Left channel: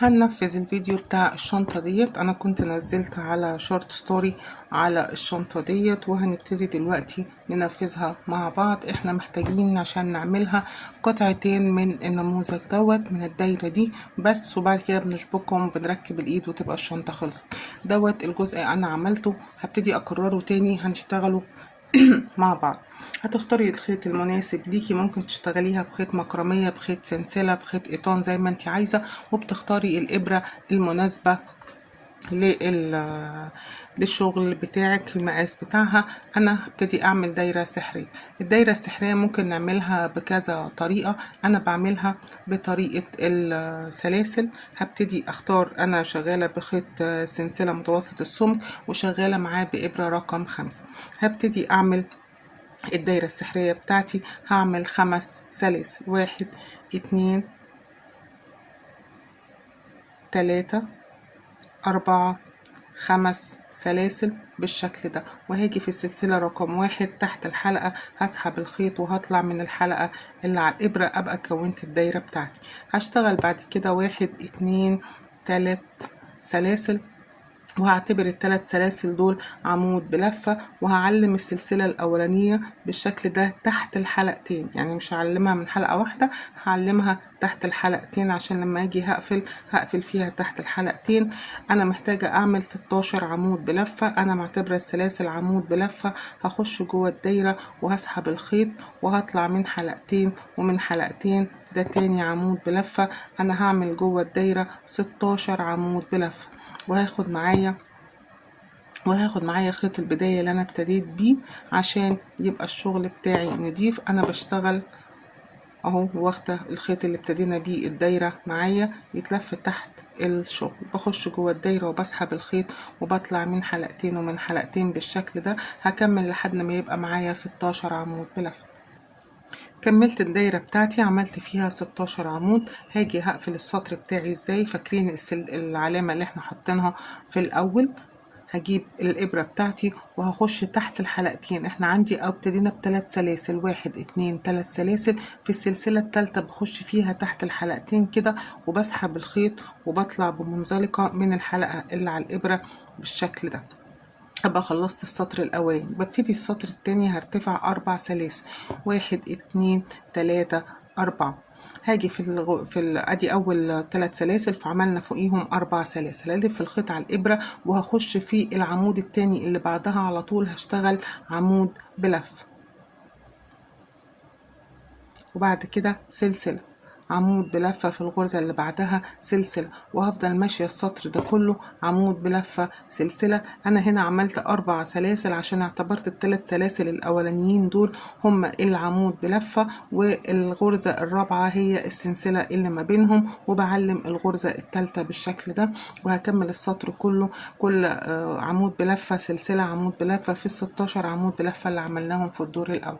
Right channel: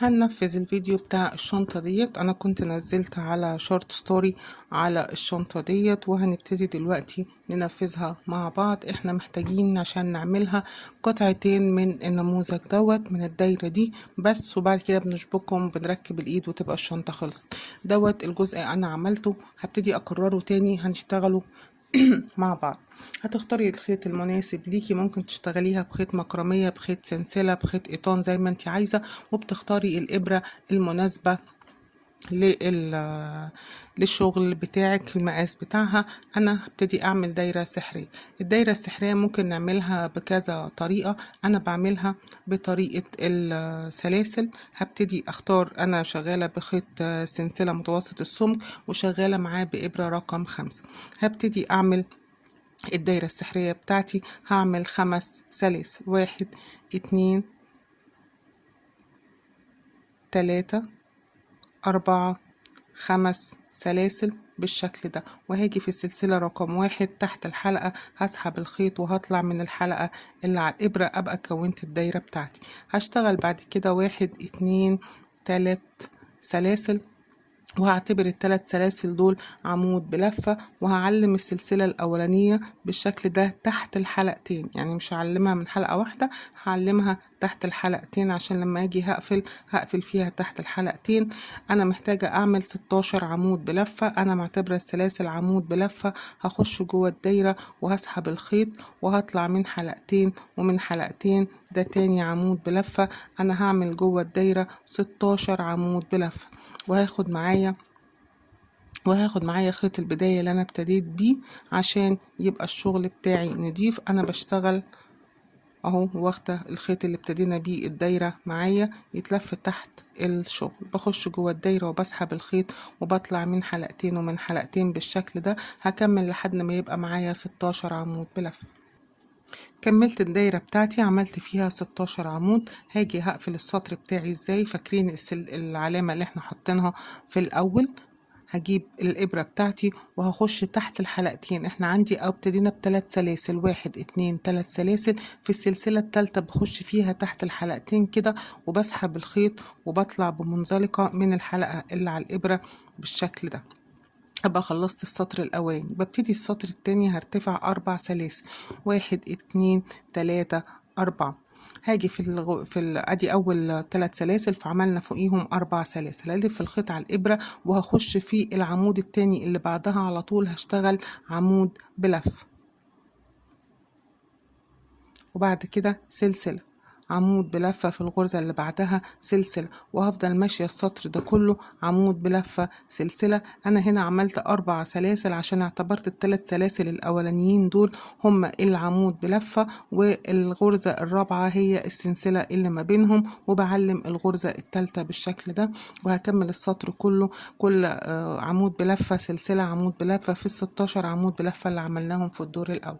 هننفذ الفيديو بتاع الشنطة ديت. انا كنت نزلت على شورت ستوري على الشنطة ديت، وهنبتدي دلوقتي ننفذها مع بعض. احنا محتاجين عشان نعملها قطعتين من النموذج دوت من الدايرة دي بس، وبعد كده بنشبكهم بنركب الايد وتبقى الشنطة خلصت. دوت الجزء انا عملته، هبتدي اكرره تاني هنشتغله مع بعض. هتختاري الخيط المناسب ليكي، ممكن تشتغليها بخيط مكرمية، بخيط سلسلة، بخيط قيطان زي ما انت عايزة، وبتختاري الإبرة المناسبة للشغل بتاعك، المقاس بتاعها. انا هبتدي اعمل دايرة سحرية. الدايرة السحرية ممكن نعملها بكذا طريقة، انا بعملها بطريقة السلاسل. هبتدي اختار، انا شغالة بخيط سلسلة متوسط السمك وشغالة معاه بإبرة رقم 5. هبتدي اعمل الدايرة السحرية بتاعتي. هعمل 5 سلاسل، 1 2 3 4 5 سلاسل بالشكل ده. وهاجي في السلسلة رقم 1 تحت الحلقة هسحب الخيط وهطلع من الحلقة اللي على الإبرة، أبقى كونت الدايرة بتاعتي. هشتغل بعد كده 1 2 3 سلاسل، وهعتبر ال3 سلاسل دول عمود بلفة، وهعلم السلسلة الأولانية بالشكل ده تحت الحلقتين. يعني مش هعلمها من حلقة واحدة، هعلمها تحت الحلقتين عشان لما اجي هقفل فيها تحت الحلقتين. انا محتاجة اعمل 16 عمود بلفة. انا معتبرة السلاسل عمود بلفة. هخش جوه الدايرة وهسحب الخيط وهطلع من حلقتين، ومن حلقتين ده تاني عمود بلفة. انا هعمل جوه الدايرة 16 عمود بلفة، وهاخد معايا خيط البداية اللي انا ابتديت بيه عشان يبقى الشغل بتاعي نضيف. انا بشتغل اهو واخده الخيط اللي ابتدينا بيه الدايرة معايا يتلف تحت الشغل. بخش جوه الدايرة وبسحب الخيط وبطلع من حلقتين ومن حلقتين بالشكل ده. هكمل لحد ما يبقى معايا 16 عمود بلفة. كملت الدايرة بتاعتي، عملت فيها 16 عمود. هاجي هقفل السطر بتاعي ازاي؟ فاكرين العلامة اللي احنا حاطينها في الاول؟ هجيب الإبرة بتاعتي وهخش تحت الحلقتين. احنا عندي ابتدينا ب3 سلاسل، 1 2 3 سلاسل. في السلسلة الثالثة بخش فيها تحت الحلقتين كده وبسحب الخيط وبطلع بمنزلقة من الحلقة اللي على الإبرة بالشكل ده. ابقى خلصت السطر الاولاني. ببتدي السطر التاني هرتفع 4 سلاسل، 1 2 3 4. هاجي ادي اول 3 سلاسل، فعملنا فوقيهم 4 سلاسل. هلف الخيط على الابره وهخش في العمود التاني اللي بعدها على طول هشتغل عمود بلف، وبعد كده سلسله، عمود بلفة في الغرزة اللي بعدها سلسلة، وهفضل ماشية السطر ده كله عمود بلفة سلسلة. أنا هنا عملت 4 سلاسل عشان اعتبرت ال3 سلاسل الأولانيين دول هم العمود بلفة، والغرزة الرابعة هي السلسلة اللي ما بينهم، وبعلم الغرزة الثالثة بالشكل ده. وهكمل السطر كله كل عمود بلفة سلسلة عمود بلفة في ال16 عمود بلفة اللي عملناهم في الدور الأول.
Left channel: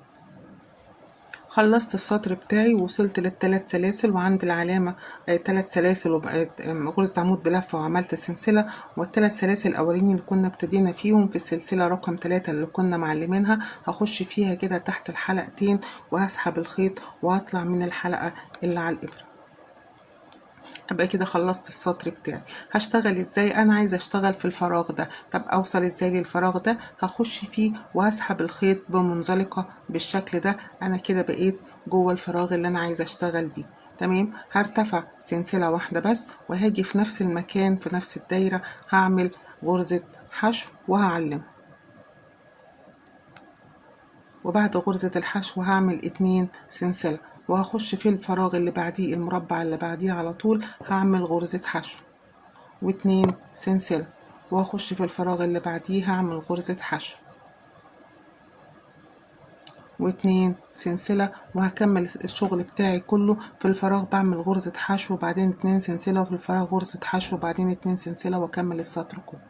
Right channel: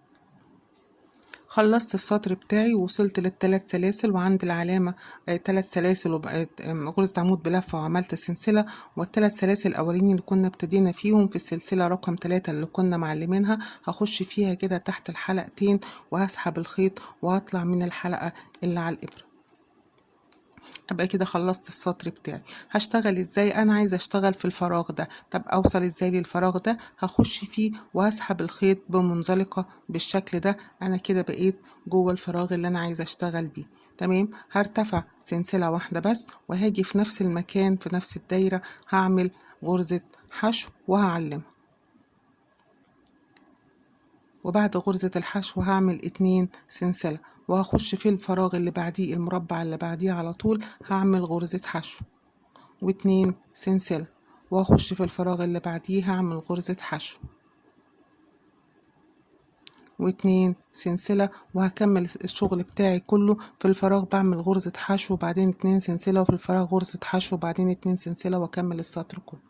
خلصت السطر بتاعي ووصلت لل3 سلاسل، وعند العلامة 3 سلاسل وبقت غرزة عمود بلفة وعملت سلسلة. وال3 سلاسل الأولين اللي كنا ابتدينا فيهم في السلسلة رقم 3 اللي كنا معلمينها هخش فيها كده تحت الحلقتين وهسحب الخيط وهطلع من الحلقة اللي على الإبرة. ابقى كده خلصت السطر بتاعي. هشتغل ازاي؟ انا عايزه اشتغل في الفراغ ده. طب اوصل ازاي للفراغ ده؟ هخش فيه وهسحب الخيط بمنزلقه بالشكل ده. انا كده بقيت جوه الفراغ اللي انا عايزه اشتغل بيه. تمام. هرتفع سلسله واحده بس، وهاجي في نفس المكان في نفس الدايره هعمل غرزه حشو وهعلم، وبعد غرزة الحشو هعمل 2 سلسلة، وهخش في الفراغ اللي بعديه المربع اللي بعديه على طول هعمل غرزة حشو و2 سلسلة، وهخش في الفراغ اللي بعديه هعمل غرزة حشو و2 سلسلة، وهكمل الشغل بتاعي كله في الفراغ بعمل غرزة حشو وبعدين 2 سلسلة، وفي الفراغ غرزة حشو وبعدين 2 سلسلة، واكمل السطر كله.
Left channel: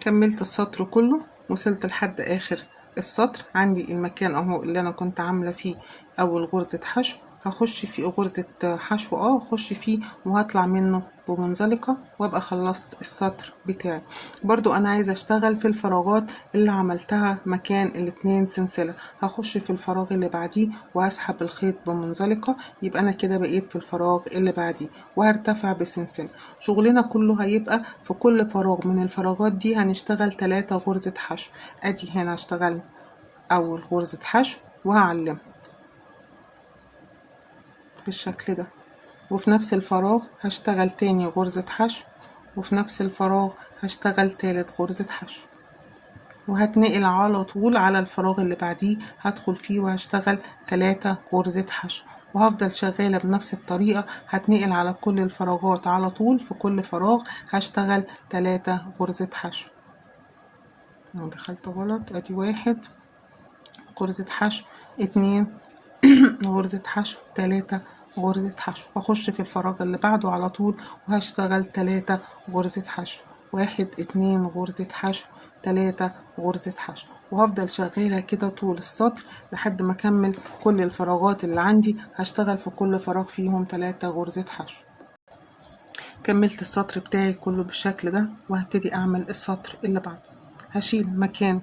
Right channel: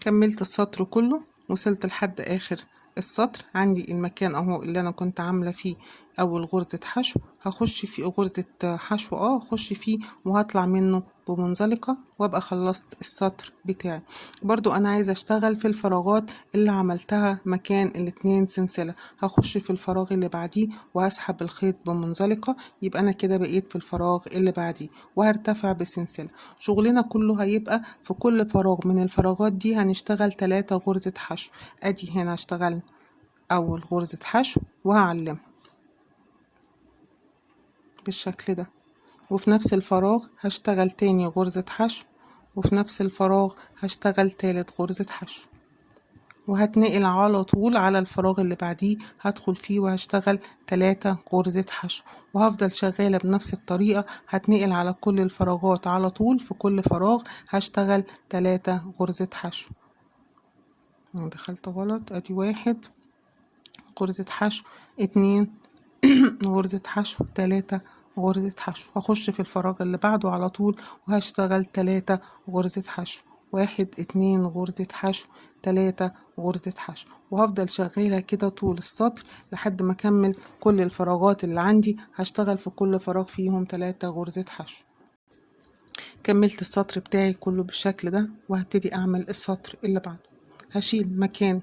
كملت السطر كله، وصلت لحد اخر السطر. عندي المكان اهو اللي انا كنت عامله فيه اول غرزة حشو هخش في غرزة حشو هخش فيه وهطلع منه بمنزلقة وابقى خلصت السطر بتاعي. برضو انا عايزة اشتغل في الفراغات اللي عملتها مكان الاتنين سلسلة، هخش في الفراغ اللي بعديه وهسحب الخيط بمنزلقة، يبقى انا كده بقيت في الفراغ اللي بعديه وهرتفع بسلسلة. شغلنا كله هيبقى في كل فراغ من الفراغات دي هنشتغل 3 غرزة حشو. ادي هنا هشتغل اول غرزة حشو وهعلم بالشكل ده، وفي نفس الفراغ هشتغل تاني غرزة حشو، وفي نفس الفراغ هشتغل تالت غرزة حشو، وهتنقل على طول على الفراغ اللي بعديه هدخل فيه وهشتغل 3 غرزة حشو، وهفضل شغالة بنفس الطريقة. هتنقل على كل الفراغات على طول، في كل فراغ هشتغل 3 غرزة حشو. دخلت غلط، ادي 1 غرزة حشو، 2 غرزة حشو، 3 غرزة حشو، واخش في الفراغ اللي بعده على طول وهشتغل 3 غرزة حشو، 1 2 غرزة حشو، 3 غرزة حشو، وهفضل شغالة كده طول السطر لحد ما اكمل كل الفراغات اللي عندي. هشتغل في كل فراغ فيهم 3 غرزة حشو. كملت السطر بتاعي كله بالشكل ده، وهبتدي اعمل السطر اللي بعده. هشيل مكان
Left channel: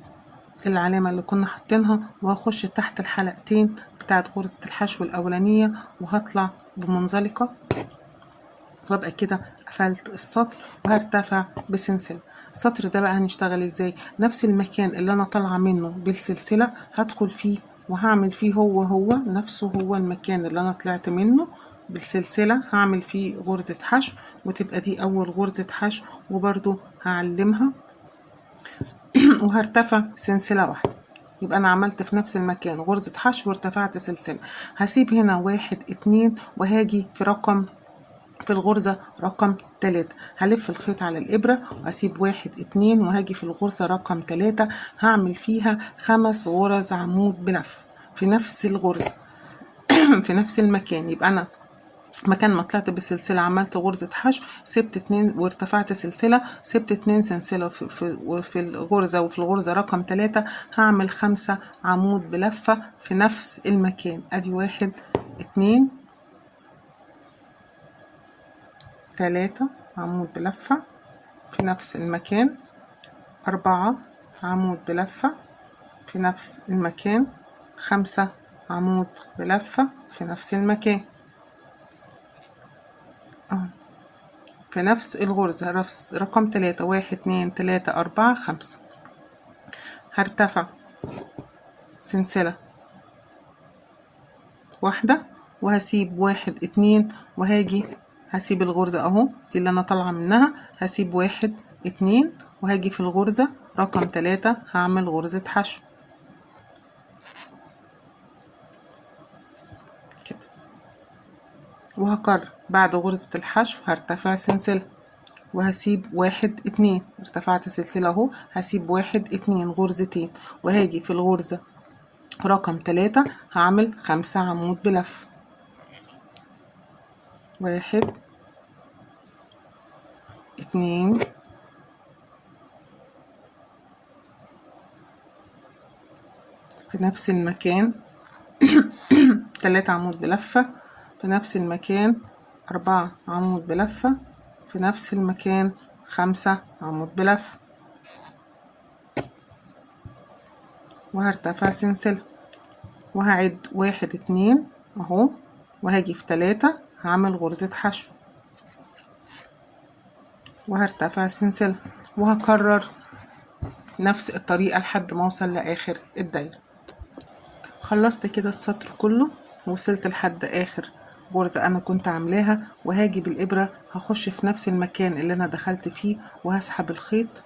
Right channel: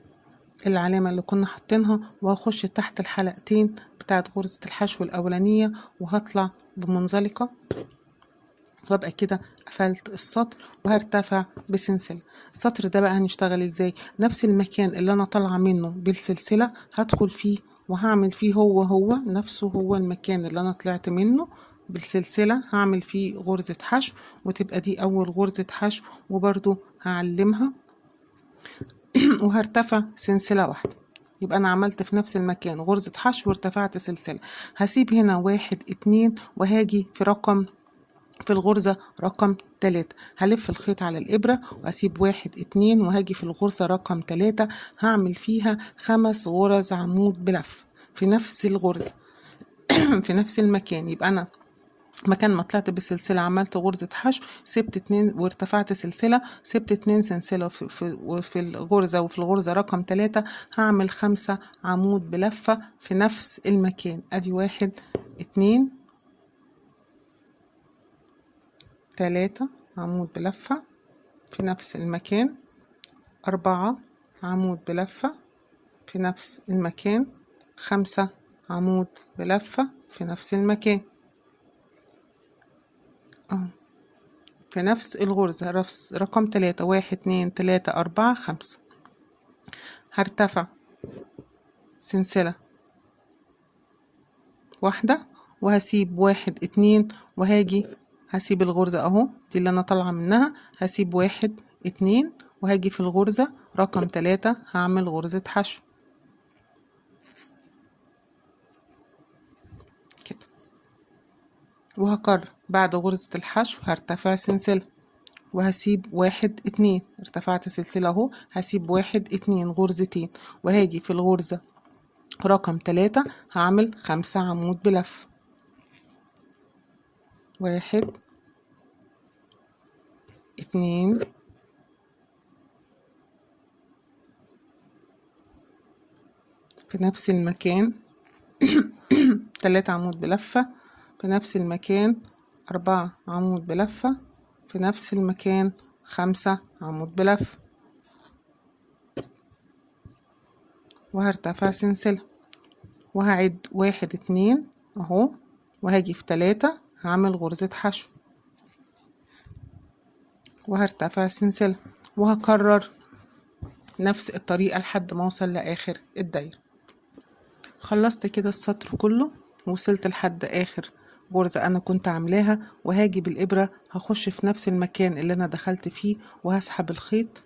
العلامة اللي كنا حاطينها وهخش تحت الحلقتين بتاعت غرزة الحشو الأولانية وهطلع بمنزلقة، وابقى كده قفلت السطر وهرتفع بسلسلة. السطر ده بقى هنشتغل ازاي؟ نفس المكان اللي انا طالعة منه بالسلسلة هدخل فيه وهعمل فيه هو نفسه، هو المكان اللي انا طلعت منه بالسلسلة هعمل فيه غرزة حشو، وتبقى دي اول غرزة حشو، وبرضو هعلمها وهرتفع سلسلة واحدة. يبقى انا عملت في نفس المكان غرزة حشو وارتفعت سلسلة. هسيب هنا 1 2 وهاجي في الغرزة رقم 3 هلف الخيط على الإبرة وهسيب 1 2 وهاجي في الغرزة رقم 3 هعمل فيها 5 غرز عمود بلف في نفس الغرزة في نفس المكان. يبقى أنا مكان ما طلعت بالسلسلة عملت غرزة حشو، سبت 2 وارتفعت سلسلة، سبت 2 سلسلة في الغرزة، وفي الغرزة رقم 3 هعمل 5 عمود بلفة في نفس المكان. ادي 1 2 3 عمود بلفة في نفس المكان، 4 عمود بلفة في نفس المكان، 5 عمود بلفة في نفس المكان في نفس الغرزة رقم 3 1 2 3 4 5. هرتفع سلسلة واحدة وهسيب 1 2 وهاجي هسيب الغرزة اهو دي اللي انا طالعة منها، هسيب 1 2 وهاجي في الغرزة رقم 3 هعمل غرزة حشو كده، وهكرر بعد غرزة الحشو هرتفع سلسلة وهسيب 1 2 ارتفعت سلسلة اهو، هسيب 1 2 غرزتين وهاجي في الغرزة رقم 3 هعمل 5 عمود بلف، 1 2 في نفس المكان 3 عمود بلفة في نفس المكان، 4 عمود بلفة في نفس المكان، 5 عمود بلفة، وهرتفع سلسلة وهعد 1 2 اهو، وهاجي في 3 هعمل غرزة حشو وهرتفع سلسلة، وهكرر نفس الطريقة لحد ما اوصل لاخر الدايرة. خلصت كده السطر كله وصلت لحد اخر غرزة انا كنت عاملاها، وهاجي بالابرة هخش في نفس المكان اللي انا دخلت فيه وهسحب الخيط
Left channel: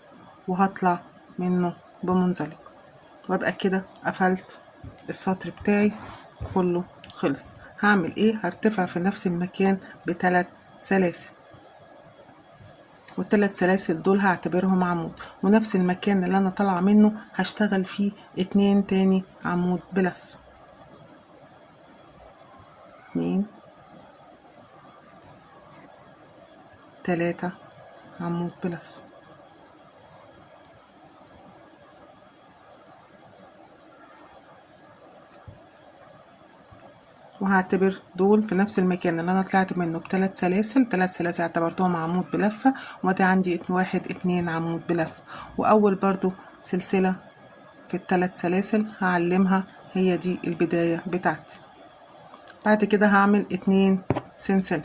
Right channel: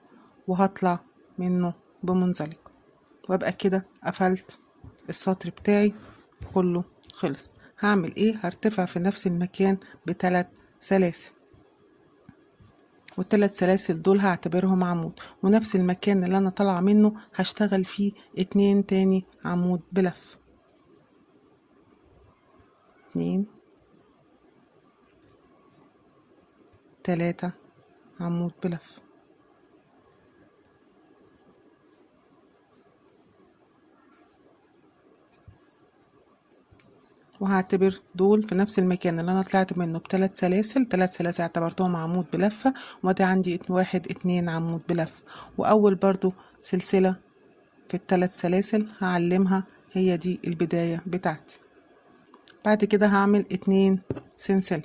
وهطلع منه بمنزلق، وابقى كده قفلت السطر بتاعي كله خلص. هعمل ايه؟ هرتفع في نفس المكان ب3 سلاسل، وال3 سلاسل دول هعتبرهم عمود، ونفس المكان اللي انا طالعه منه هشتغل فيه 2 تاني عمود بلف، 2 3 عمود بلف، وهعتبر دول في نفس المكان اللي انا طلعت منه بثلاث سلاسل. ثلاث سلاسل اعتبرتهم عمود بلفة، وادي عندي واحد اتنين عمود بلفة. واول برضو سلسلة في الثلاث سلاسل هعلمها، هي دي البداية بتاعتي. بعد كده هعمل 2 سلسلة.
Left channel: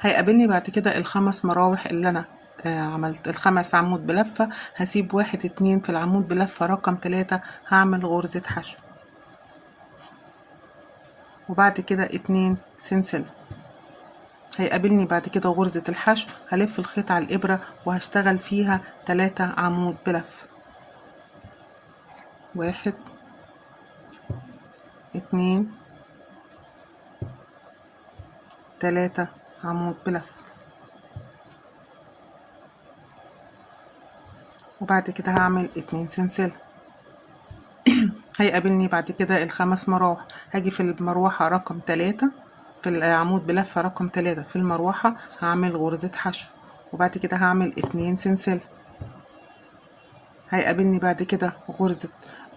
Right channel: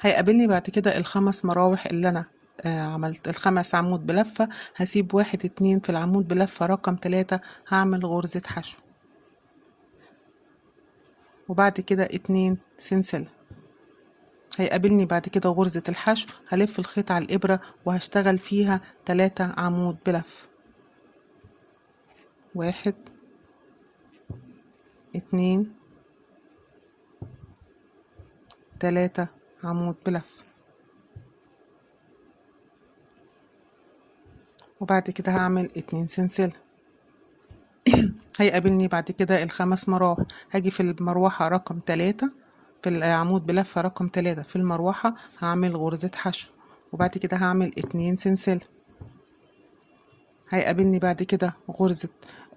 هيقابلني بعد كده الخمس مراوح اللي انا عملت الخمس عمود بلفة. هسيب 1 2 في العمود بلفة رقم 3، هعمل غرزة حشو، وبعد كده 2 سلسلة. هيقابلني بعد كده غرزة الحشو، هلف الخيط على الإبرة وهشتغل فيها 3 عمود بلفة. 1 2 3 عمود بلفة، وبعد كده هعمل 2 سلسلة. هيقابلني بعد كده الخمس مراوح. هاجي في المروحة رقم 3 في العمود بلفة رقم 3 في المروحة هعمل غرزة حشو، وبعد كده هعمل 2 سلسلة. هيقابلني بعد كده غرزة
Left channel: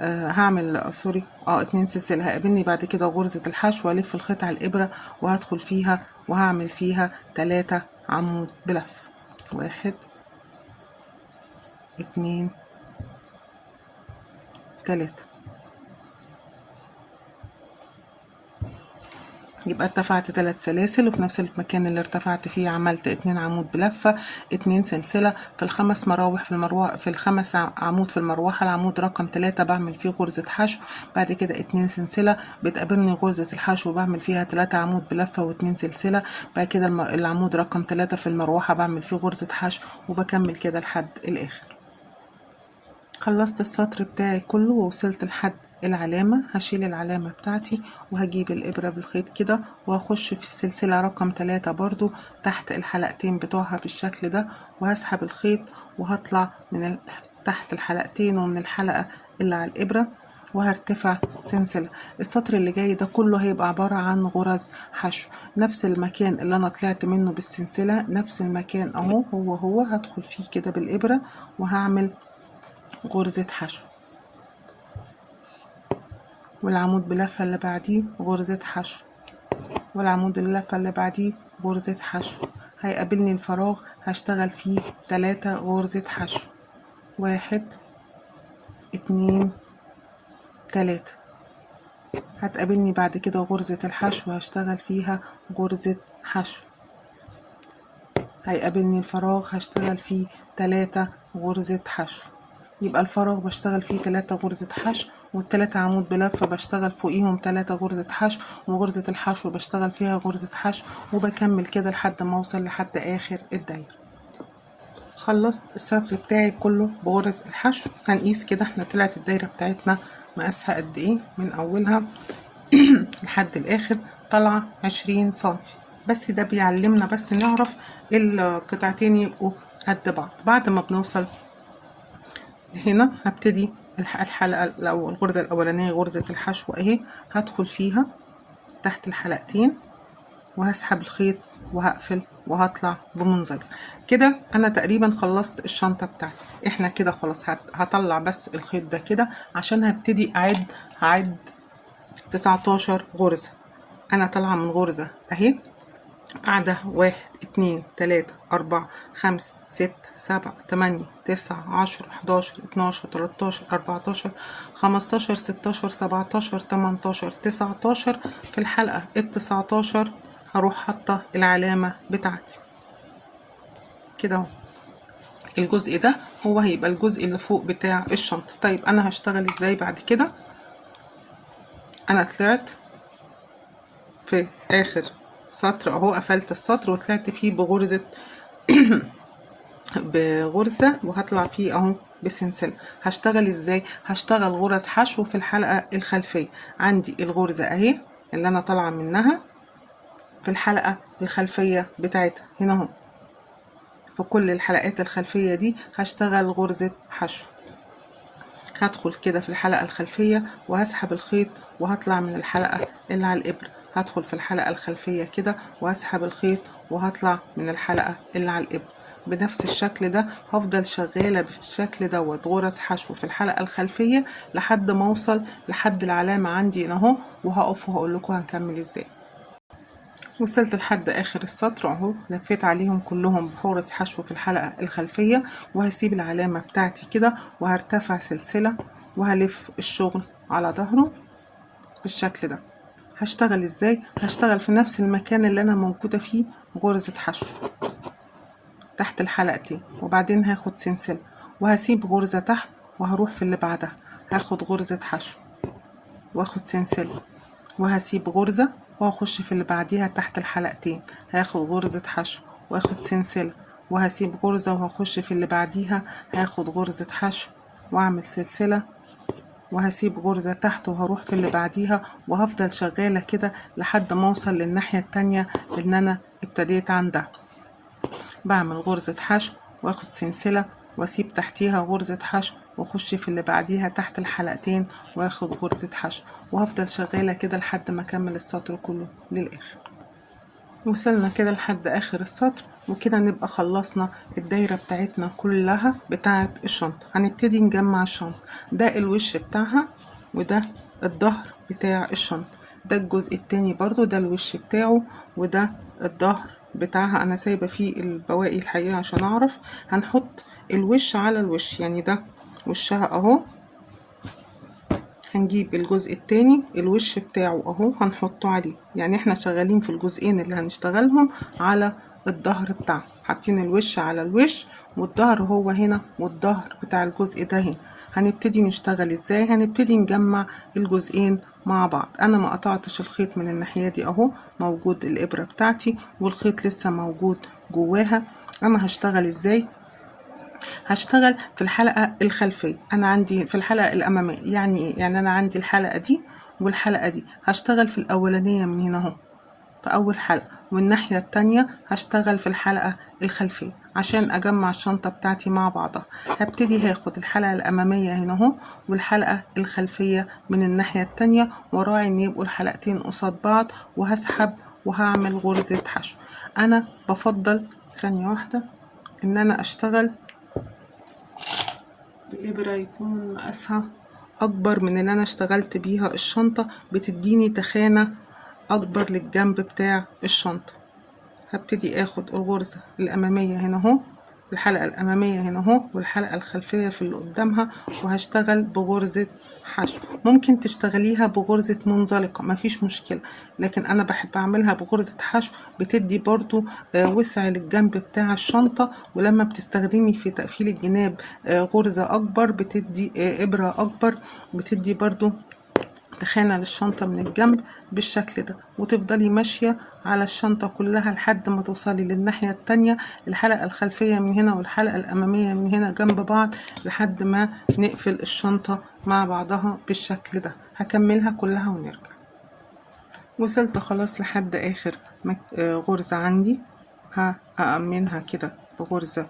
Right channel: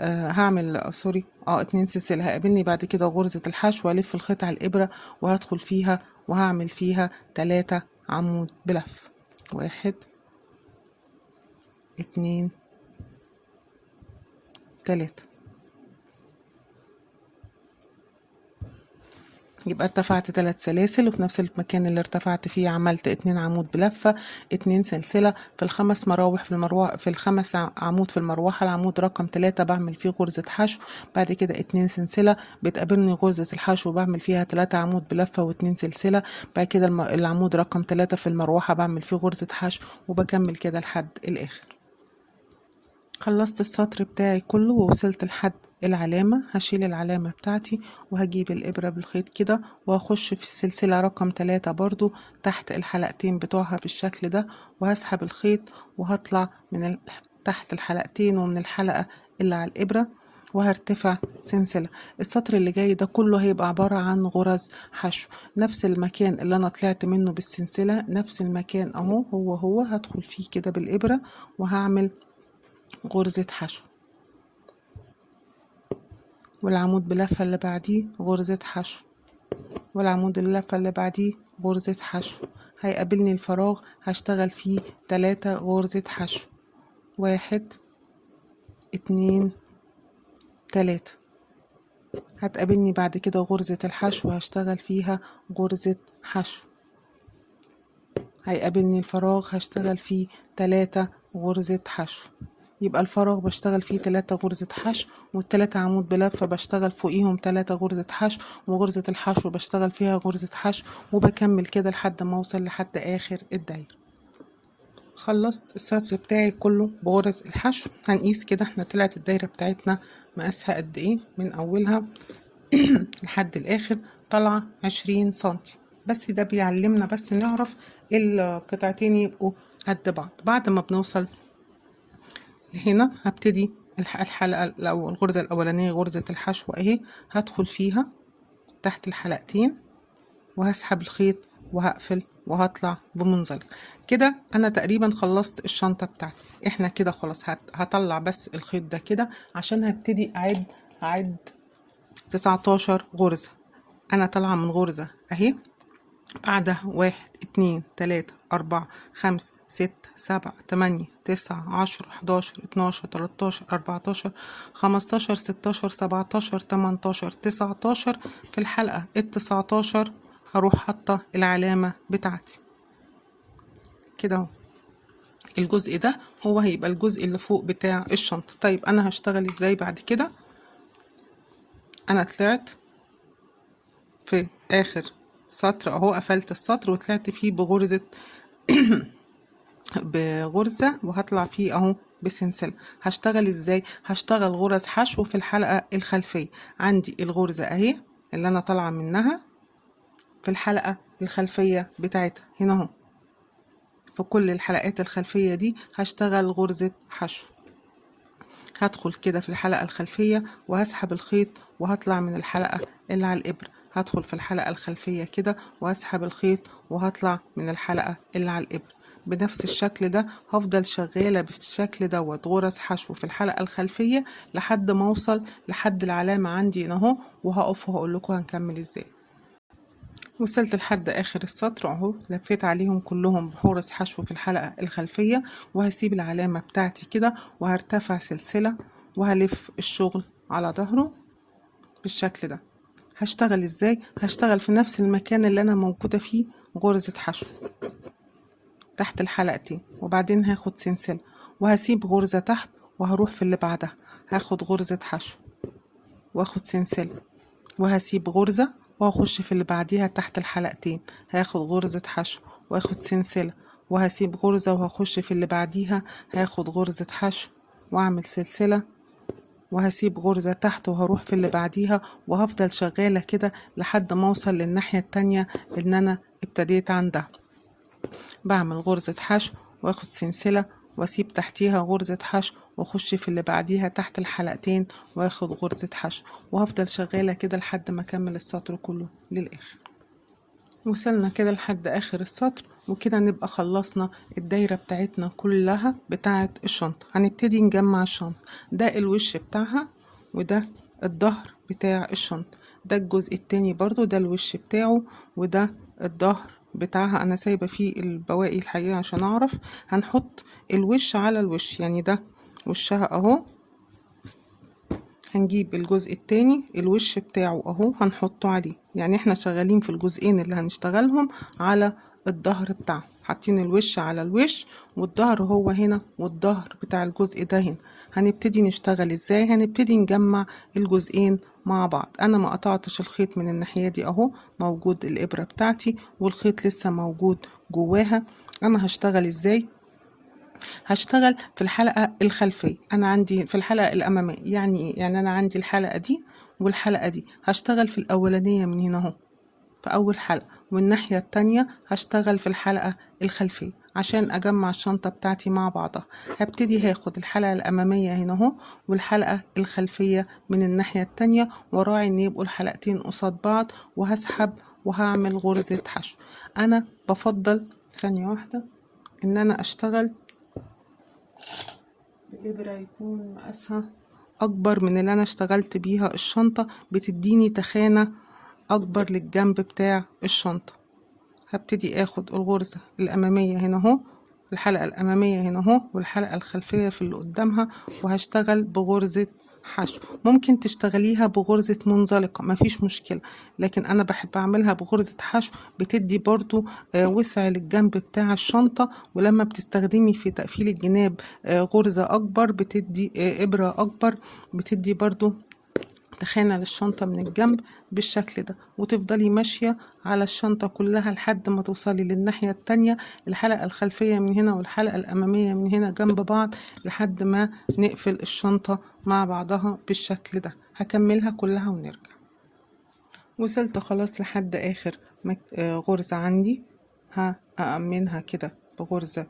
هعمل 2 سلسلة. هيقابلني بعد كده غرزة الحشو، والف الخيط على الإبرة وهدخل فيها وهعمل فيها 3 عمود بلف. 1 2 3. يبقى ارتفعت 3 سلاسل، وفي نفس المكان اللي ارتفعت فيه عملت 2 عمود بلفة، 2 سلسلة. في الخمس مراوح في الخمس عمود في المروحة العمود رقم 3 بعمل فيه غرزة حشو، بعد كده 2 سلسلة. بتقابلني غرزة الحشو بعمل فيها 3 عمود بلفة و2 سلسلة. بعد كده العمود رقم 3 في المروحة بعمل فيه غرزة حشو، وبكمل كده لحد الآخر. خلصت السطر بتاعي كله ووصلت لحد العلامة. هشيل العلامة بتاعتي وهجيب الإبرة بالخيط كده وهخش في السلسلة رقم 3 برضو تحت الحلقتين بتوعها بالشكل ده، وهسحب الخيط وهطلع من تحت الحلقتين ومن الحلقة اللي على الإبرة وهرتفع سلسلة. السطر اللي جاي ده كله هيبقى عبارة عن غرز حشو. نفس المكان اللي انا طلعت منه بالسلسلة، نفس المكان اهو هو هدخل فيه كده بالإبرة وهعمل غرزة حشو، والعمود بلفة اللي بعديه غرزة حشو، والعمود اللفة اللي بعديه غرزة حشو. هيقابلني الفراغ هشتغل فيه 3 غرزة حشو. 1 2 3. هتقابلني بعد كده غرزة الحشو هشتغل فيها غرزة حشو. هيقابلني الفراغ هشتغل فيه 3 غرزة حشو. يبقى الفراغ بشتغل فيه 3 غرزة حشو، والتلاتة عمود بلفة بشتغل فوقيهم 3 غرزة حشو، وغرزة الحشو بشتغل فيها غرزة حشو، وبكمل كده لحد ما اوصل لحد اخر الدايرة. خلصت السطر بتاعي كله بغرز الحشو. هنقيس كده احنا طلعت الدايرة بتاعتنا مقاسها قد ايه من اولها لحد الاخر. طالعة 20 سنتي بس. ده بيعلمنا بس نعرف القطعتين يبقوا قد بعض. بعد ما بنوصل هنا هبتدي الحلقة الأول، الغرزة الأولانية غرزة الحشو اهي، هدخل فيها تحت الحلقتين وهسحب الخيط وهقفل وهطلع بمنزلق كده. انا تقريبا خلصت الشنطة بتاعتي. احنا كده خلاص هطلع بس الخيط ده كده عشان هبتدي هعد 19 غرزة. انا طالعة من غرزة اهي، بعدها 1 2 3 4 5 6 7 8 9 10 11 12 13 14 15 16 17 18 19. في الحلقة ال19 هروح حاطة العلامة بتاعتي كده اهو. الجزء ده هو هيبقى الجزء اللي فوق بتاع الشنطة. طيب انا هشتغل ازاي بعد كده؟ انا طلعت في اخر سطر اهو، قفلت السطر وطلعت فيه بغرزة بغرزة وهطلع فيه اهو بسلسلة. هشتغل ازاي؟ هشتغل غرز حشو في الحلقة الخلفية. عندي الغرزة اهي اللي انا طالعة منها في الحلقة الخلفية بتاعتها هنا اهو. في كل الحلقات الخلفية دي هشتغل غرزة حشو. هدخل كده في الحلقة الخلفية وهسحب الخيط وهطلع من الحلقة اللي على الإبرة. هدخل في الحلقة الخلفية كده وهسحب الخيط وهطلع من الحلقة اللي على الإبرة. بنفس الشكل ده هفضل شغالة بالشكل دوت غرز حشو في الحلقة الخلفية لحد ما اوصل لحد العلامة عندي هنا اهو، وهقف وهقول لكم هنكمل ازاي. وصلت لحد اخر السطر اهو، لفيت عليهم كلهم بغرز حشو في الحلقة الخلفية، وهسيب العلامة بتاعتي كده وهرتفع سلسلة وهلف الشغل على ظهره بالشكل ده. هشتغل ازاي؟ هشتغل في نفس المكان اللي انا موجودة فيه غرزة حشو تحت الحلقتين، وبعدين هاخد سلسلة وهسيب غرزة تحت وهروح في اللي بعدها هاخد غرزة حشو واخد سلسلة وهسيب غرزة وهخش في اللي بعديها تحت الحلقتين هاخد غرزة حشو واخد سلسلة وهسيب غرزة وهخش في اللي بعديها هاخد غرزة حشو واعمل سلسلة وهسيب غرزة تحت وهروح في اللي بعديها، وهفضل شغالة كده لحد ما اوصل للناحية التانية اللي انا ابتديت عندها. بعمل غرزة حشو واخد سلسلة واسيب تحتيها غرزة حشو واخش في اللي بعديها تحت الحلقتين واخد غرزة حشو، وهفضل شغالة كده لحد ما اكمل السطر كله للاخر. وصلنا كده لحد اخر السطر، وكده نبقى خلصنا الدايرة بتاعتنا كلها بتاعت الشنطة. هنبتدي نجمع الشنطة، ده الوش بتاعها وده الظهر بتاع الشنطة، ده الجزء التاني برضو ده الوش بتاعه وده الظهر بتاعها. انا سايبة فيه البواقي الحقيقة عشان اعرف. هنحط الوش على الوش، يعني ده وشها اهو، هنجيب الجزء التاني الوش بتاعه اهو هنحطه عليه، يعني احنا شغالين في الجزئين اللي هنشتغلهم على الظهر بتاعه، حاطين الوش على الوش والظهر هو هنا والظهر بتاع الجزء ده هنا. هنبتدي نشتغل ازاي؟ هنبتدي نجمع الجزئين مع بعض. انا ما قطعتش الخيط من الناحية دي اهو، موجود الابرة بتاعتي والخيط لسه موجود جواها. انا هشتغل ازاي؟ هشتغل في الحلقة الخلفية، أنا عندي في الحلقة الأمامية. يعني إيه؟ يعني أنا عندي الحلقة دي والحلقة دي، هشتغل في الأولانية من هنا أهو في أول حلقة، والناحية التانية هشتغل في الحلقة الخلفية عشان أجمع الشنطة بتاعتي مع بعضها. هبتدي هاخد الحلقة الأمامية هنا أهو والحلقة الخلفية من الناحية التانية، وراعي إن يبقوا الحلقتين قصاد بعض، وهسحب وهعمل غرزة حشو. أنا بفضل ثانية واحدة إن أنا أشتغل بإبرة يكون مقاسها أكبر من اللي أنا اشتغلت بيها الشنطة، بتديني تخانة أكبر للجنب بتاع الشنطة. هبتدي اخد الغرزة الأمامية هنا اهو، الحلقة الأمامية هنا اهو والحلقة الخلفية في اللي قدامها، وهشتغل بغرزة حشو. ممكن تشتغليها بغرزة منزلقة مفيش مشكلة، لكن أنا بحب أعملها بغرزة حشو، بتدي برضو وسع للجنب بتاع الشنطة، ولما بتستخدمي في تقفيل الجناب غرزة أكبر بتدي إبرة أكبر، بتدي برضو تخانة للشنطة من الجنب بالشكل ده، وتفضلي ماشية على الشنطة كلها لحد ما توصلي للناحية التانية، الحلقة الخلفية من هنا والحلقة الأمامية من هنا جنب بعض لحد ما نقفل الشنطة مع بعضها بالشكل ده. هكملها كلها ونرجع. وصلت خلاص لحد آخر غرزة عندي، هأمنها كده بغرزة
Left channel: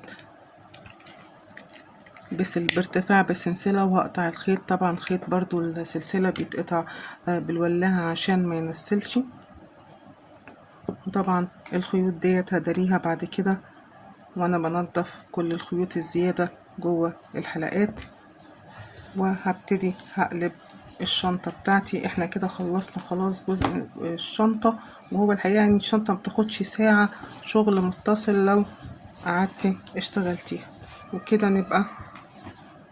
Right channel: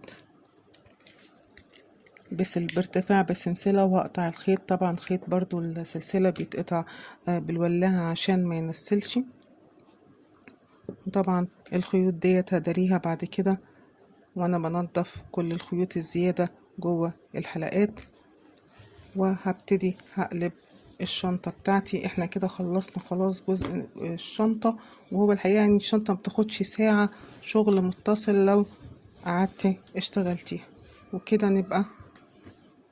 بارتفاع بسلسلة، وهقطع الخيط. طبعا خيط برضو السلسلة بيتقطع بالولاعة عشان ما ينسلش، وطبعا الخيوط ديت هداريها بعد كده وانا بنضف كل الخيوط الزيادة جوه الحلقات. وهبتدي هقلب الشنطة بتاعتي. احنا كده خلصنا خلاص جزء الشنطة، وهو الحقيقة يعني الشنطة مبتاخدش ساعة شغل متصل لو قعدتي اشتغلتيها. وكده نبقى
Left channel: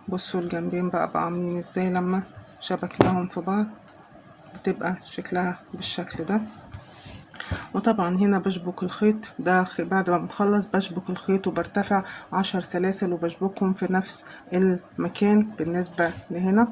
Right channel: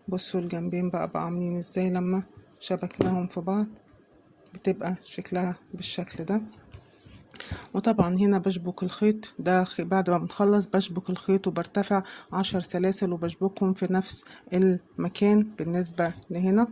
بصوا الجنبين بقى عاملين ازاي لما شبكناهم في بعض، بتبقى شكلها بالشكل ده. وطبعا هنا بشبك الخيط ده بعد ما بنخلص، بشبك الخيط وبرتفع 10 سلاسل وبشبكهم في نفس المكان بالنسبة لهنا.